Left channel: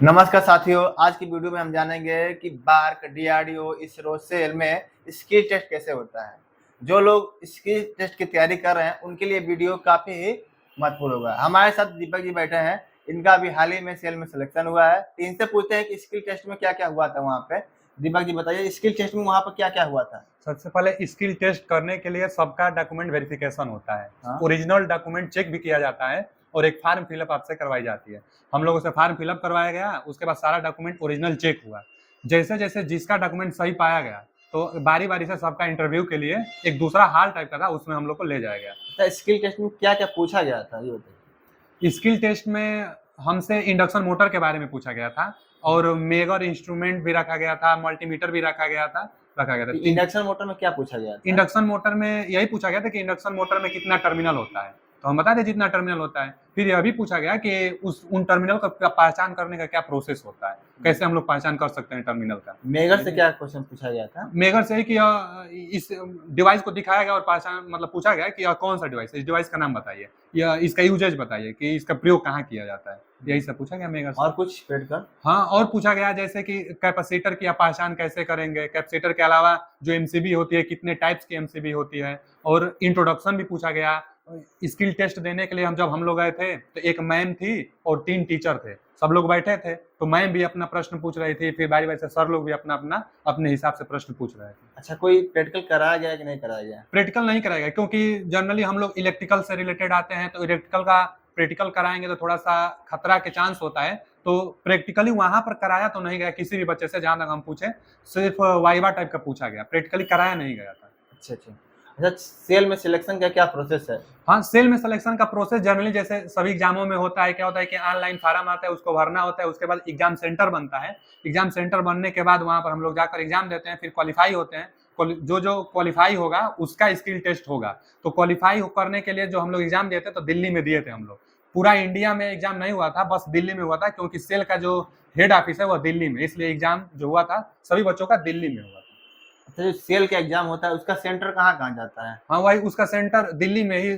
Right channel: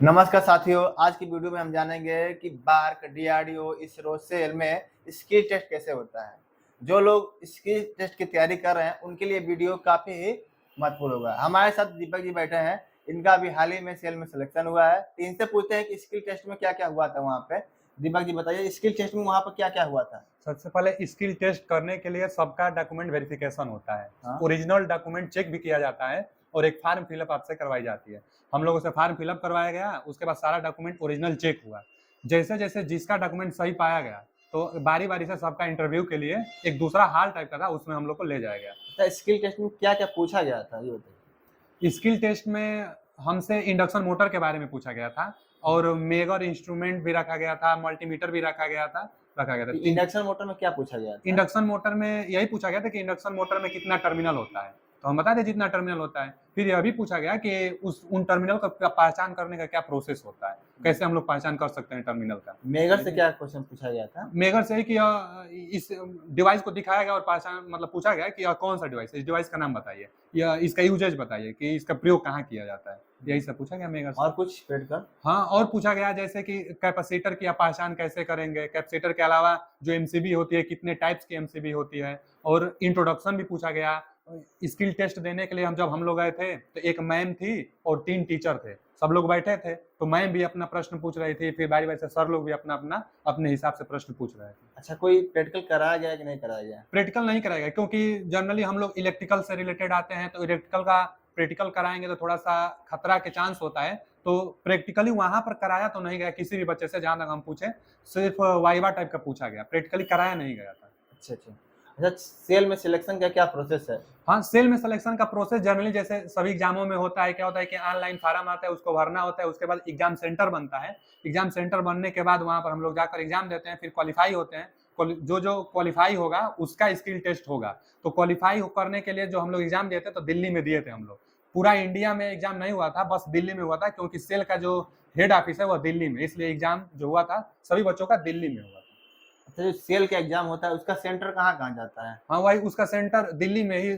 नमस्कार साथियों, आज की वीडियो में हम जानेंगे कि बार्क, डीआरडीओ, इसरो, सेल में स्किल टेस्ट कैसे होता है। जो लोग स्किल टेस्ट की तैयारी कर रहे हैं, उनके लिए वीडियो काफ़ी ही महत्वपूर्ण होगा। हमारे साथ दीपक जी बैठे हैं, इनका अभी हाल ही में सेल में सिलेक्शन हुआ है। तो इनसे पूछते हैं कि स्किल टेस्ट में क्या-क्या हुआ था वहाँ पे। दीपक जी बताइए, स्किल टेस्ट में वहाँ पर क्या-क्या हुआ था? सबसे पहले स्किल टेस्ट करने के लिए सबका डॉक्यूमेंट वेरिफिकेशन होता है। हाँ, ओरिजिनल डॉक्यूमेंट चेक भी किया जाता है और एक फॉर्म फिलअप आपसे करवाई जाती है। हम लोगों से फॉर्म फिलअप करवाया गया, उसके बाद सारा डॉक्यूमेंट ओरिजिनल चेक हुआ। जैसे-जैसे जिसका डॉक्यूमेंट सही पाया गया, तो बारी-बारी से सबका इंटरव्यू के लिए एक दूसरा हॉल टाइप का था, उसमें हम लोग को ले जाया गया। अच्छा स्किल टेस्ट में क्या-क्या पूछा गया था, ये बताइए? स्किल टेस्ट में हमसे इंडक्शन मोटर के बारे में पूछा गया था और मेजर इंस्ट्रूमेंट भी रखा गया था, मल्टीमीटर भी रखा गया था। तीन इंडक्शन मोटर में क्या पूछा गया था? इंडक्शन मोटर में यही पूछा गया था कि इंडक्शन मोटर में कितना टर्मिनल होता है, तो हम बता दें जितना टर्मिनल होता है। फिर यह भी पूछा गया कि उन टर्मिनल का पहचान करने का क्या प्रोसेस होता है, कैसे हम लोग पहचान कर सकते हैं टर्मिनल का। मेगर से क्या क्वेश्चन पूछा गया था? मेगर से ही कि इस डिवाइस को दिखाया गया और पहचान मतलब पूछा गया कि यह कौन सा डिवाइस है, इस डिवाइस का नाम बताइए या इसका यूजेज बताइए कि इसका प्रयोग कहाँ किया जाता है, यही सब पूछा गया मेगर से। और कुछ पेड़ का? हाँ, और पूछा गया जैसे कि कैपेसिटर की आप पहचान कैसे करेंगे? कैपेसिटर के अलावा जो एमसीबी होती है, कितने टाइप्स की एमसीबी होती है और इंट्रोडक्शन भी पूछा गया। स्किल टेस्ट देने के लिए जब हम लोग गए थे, तो एक मैम थी और 3 टीचर थे। सब लोग बैठे थे, तो मैम भी अपना प्रश्न पूछ रही थी, फिर बारी-बारी से सर लोग भी अपना-अपना अपने हिसाब से प्रश्न पूछ रहे थे। अच्छा, कोई प्रैक्टिकल कराया गया कि नहीं कराया गया? प्रैक्टिकल नहीं कराया गया क्योंकि जनरली हम लोग इलेक्ट्रिकल से रिलेटेड आते हैं, तो इलेक्ट्रिकल का प्रैक्टिकल कराएँगे तो थोड़ा-सा खतरा के चांस होता है। तो प्रैक्टिकली वहाँ पर कराया तो नहीं गया किसी भी बच्चे से, जहाँ तक हम पूछे, सिर्फ़ वाइवा टाइप का पूछा गया, प्रैक्टिकली कराया नहीं गया था। अच्छा, अच्छा। अच्छा, सेल में सिलेक्शन का क्या प्रोसेस है? हाँ, सेल में सिलेक्शन का प्रोसेस जनरली जैसे सभी एग्ज़ामों में होता है, क्या होता है कि ऑनलाइन फॉर्म आता है, उसको भरना होता है, उसके बाद एग्ज़ाम सेंटर बनता है। एग्ज़ाम सेंटर बनने के बाद वहाँ पर हम लोग जाकर एग्ज़ाम देते हैं, फिर क्वालीफाई होते हैं। जो क्वालीफाई होगा, उसका स्किल टेस्ट होगा। तो क्वालीफाई करने के लिए जो हम लोग एग्ज़ाम दिए थे, तो दिल्ली में दिए थे हम लोग। पूरा इंडिया में एग्ज़ाम नहीं हुआ था, बस दिल्ली में हुआ था क्योंकि सेल का जो हेड ऑफ़िस है, वो दिल्ली में, इसलिए एग्ज़ाम जो हुआ था, सभी बच्चों का दिल्ली में हुआ था। अच्छा, जो सेल का एग्ज़ाम होता है, उसका सेंटर कहाँ-कहाँ जाता है? हाँ, वही उसका सेंटर दिल्ली में ही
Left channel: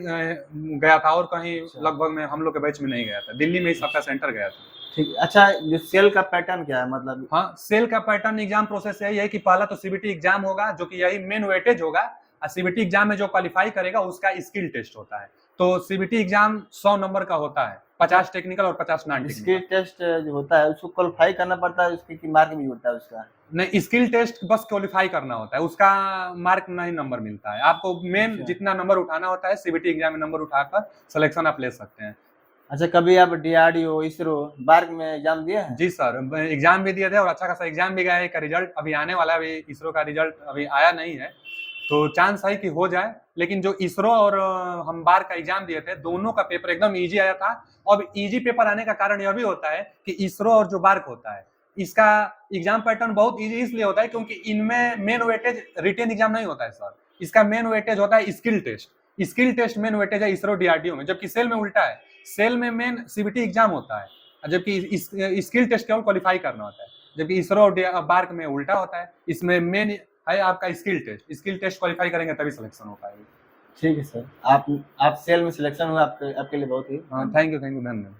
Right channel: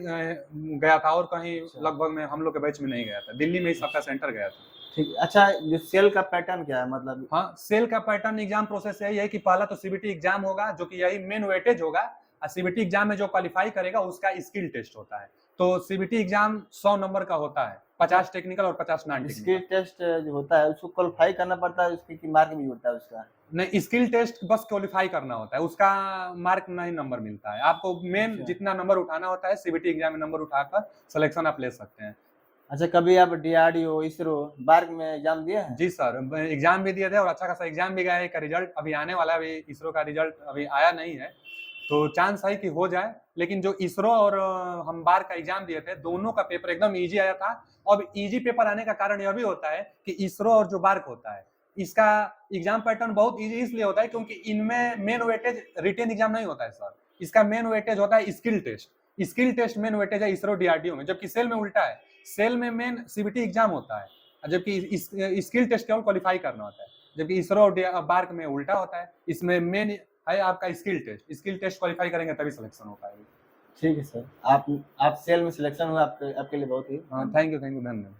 गया था और कहीं अच्छा, लगभग में हम लोग के बैच में नहीं गया था। दिल्ली में ही सबका सेंटर गया था। ठीक है। अच्छा, जो सेल का पैटर्न क्या है मतलब? हाँ, सेल का पैटर्न एग्ज़ाम प्रोसेस यही है कि पहला तो सीबीटी एग्ज़ाम होगा, जो कि यही मेन वेटेज होगा और सीबीटी एग्ज़ाम में जो क्वालीफाई करेगा उसका स्किल टेस्ट होता है। तो सीबीटी एग्ज़ाम 100 नंबर का होता है, अच्छा, 50 टेक्निकल और 50 नॉन स्किल टेक्निकल। टेस्ट जो होता है, उसको क्वालीफाई करना पड़ता है, उसकी कि मार्क भी होता है उसका? नहीं, स्किल टेस्ट बस क्वालीफाई करना होता है, उसका मार्क नहीं नंबर मिलता है। आपको मेन अच्छा। जितना नंबर उठाना होता है, सीबीटी एग्ज़ाम में नंबर उठाकर सिलेक्शन आप ले सकते हैं। अच्छा, कभी आप डीआरडीओ, इसरो, बार्क में एग्ज़ाम दिए हैं? जी सर, एग्ज़ाम भी दिए थे और अच्छा खासा एग्ज़ाम भी गया है, का रिज़ल्ट अभी आने वाला है, अभी इसरो का रिज़ल्ट अभी आया नहीं है, तो चांस है कि हो जाए। लेकिन जो इसरो और हम बार का एग्ज़ाम दिए थे, दोनों का पेपर एकदम ईज़ी आया था। अब ईज़ी पेपर आने का कारण यह भी होता है कि इसरो और जो बार्क होता है, इसका एग्ज़ाम पैटर्न बहुत ईज़ी इसलिए होता है क्योंकि इनमें मेन वेटेज रिटेन एग्ज़ाम नहीं होता है सर, इसका मेन वेटेज होता है skill test. Skill test main weightage है इसरो डीआरडीओ में, जबकि सेल में उल्टा है। सेल में मेन सीबीटी एग्ज़ाम होता है। जबकि स्किल टेस्ट केवल क्वालीफाई करना होता है, जबकि इसरो और बार्क में उल्टा होता है। इसमें मेन है आपका स्किल टेस्ट क्वालीफाई करेंगे तभी सिलेक्शन हो पाएगी। ठीक है सर। आप सेल में सिलेक्शन हुआ, आपके आपके लिए बहुत ही हाँ, थैंक यू धन्यवाद।